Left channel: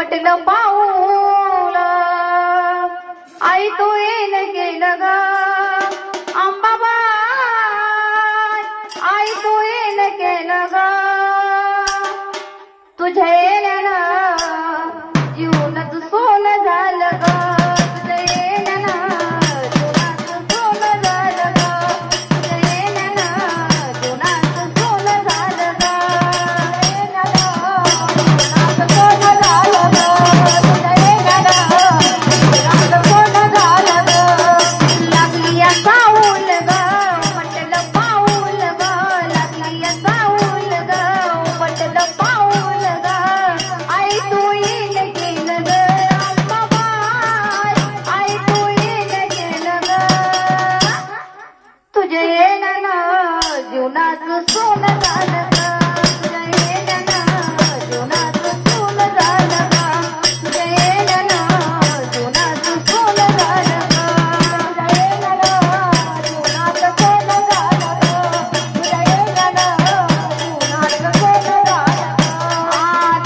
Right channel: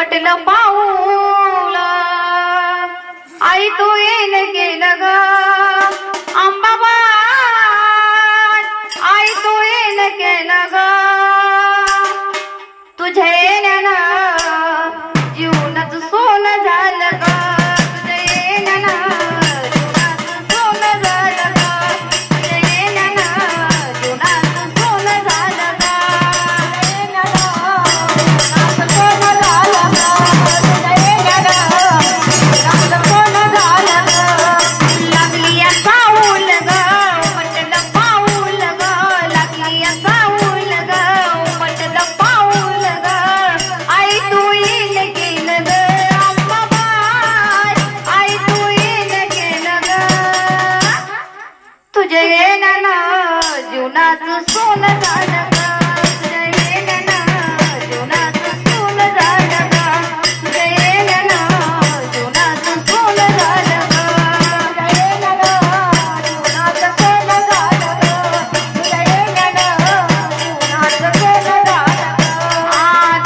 म्हटलं पाऊल आई तू येण गेलं ग अंबाबाई आई तू येण गेलं ग तुझ्या येण्यानं जीवनात सोनं झालं ग तुझ्या येण्यानं जीवनात सोनं झालं ग तुझ्या येण्यानं जीवनात सोनं झालं ग लागली या साऊल ग म्हटलं पाऊल ग लागली या साऊल ग म्हटलं पाऊल ग आई तू येण गेलं ग अंबाबाई आई तू येण गेलं ग तुझ्या येण्यानं जीवनाचं सोनं झालं ग तुझ्या येण्यानं जीवनाचं सोनं झालं ग तुझ्या येण्यानं जीवनाचं सोनं झालं ग तुझ्या येण्यानं जीवनाचं सोनं झालं ग तुझ्या येण्यानं जीवनाचं सोनं झालं ग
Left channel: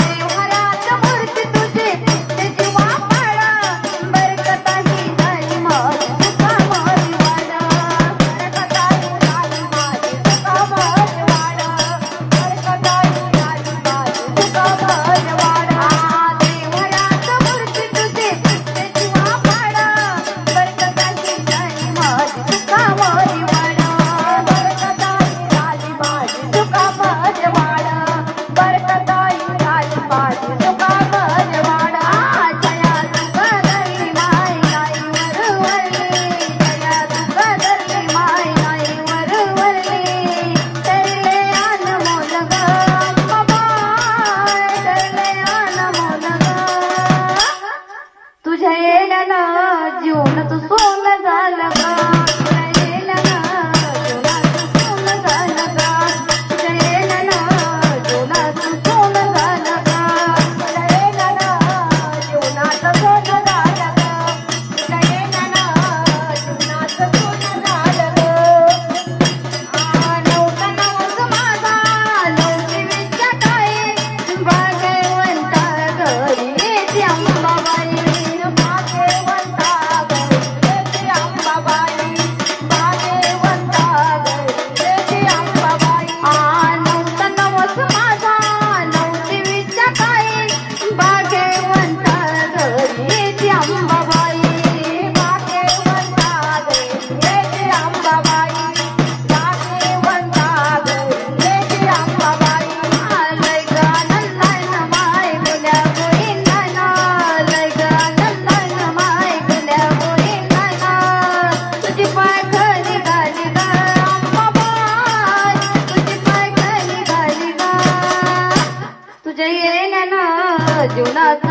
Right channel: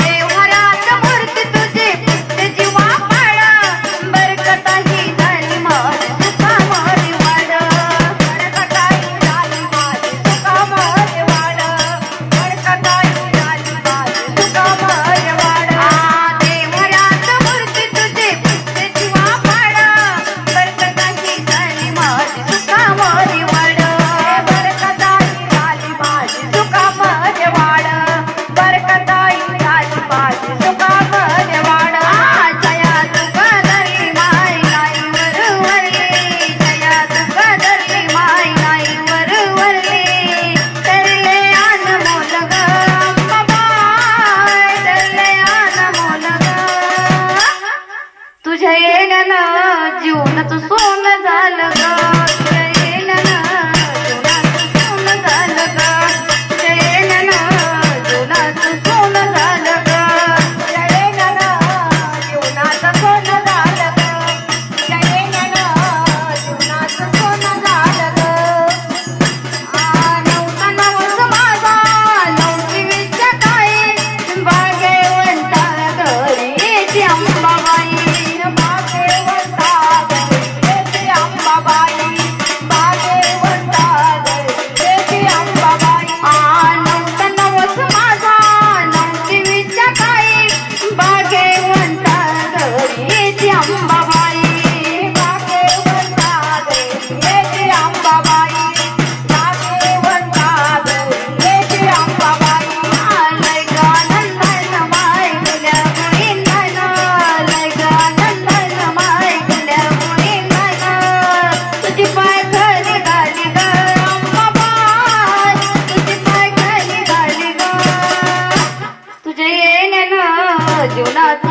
देवघरात मूर्ती तुझी फुटते जीवा पाड बरकताही झाली माझी सुखा माझी वाड बरकताही झाली माझी सुखा माझी वाड बरकताही झाली माझी सुखा माझी वाड देवघरात मूर्ती तुझी फुटते जीवा पाड बरकताही झाली माझी सुखा माझी वाड बरकताही झाली माझी सुखा माझी वाड बरकताही झाली माझी सुखा माझी वाड Jaya तुकदरी my I वरवरली Jaya तुकदरी my I वरवरली तरले अनमोल ग अंबाबाई तरले अनमोल ग तुझ्या येण्यानं जीवनाचं सोनं झालं ग तुझ्या येण्यानं जीवनाचं सोनं झालं ग तुझ्या येण्यानं जीवनाचं सोनं झालं ग तुझ्या येण्यानं जीवनाचं सोनं झालं ग तुझ्या येण्यानं जीवनाचं सोनं झालं ग नवसा नवस माझा नवसी विद्या काय भाग्यवंता घरी येते अंबाबाई भाग्यवंता घरी येते अंबाबाई भाग्यवंता घरी येते अंबाबाई नवसा नवस माझा नवसी विद्या काय भाग्यवंता घरी येते अंबाबाई भाग्यवंता घरी येते अंबाबाई भाग्यवंता घरी येते अंबाबाई लय ग नंदन माय तुल्या मुलींना लय ग नंदन माय तुल्या मुलींना तुझी पाय खाली घाली ग अंबाबाई तुझी पाय खाली घाली ग तुझ्या येण्यानं जीवनात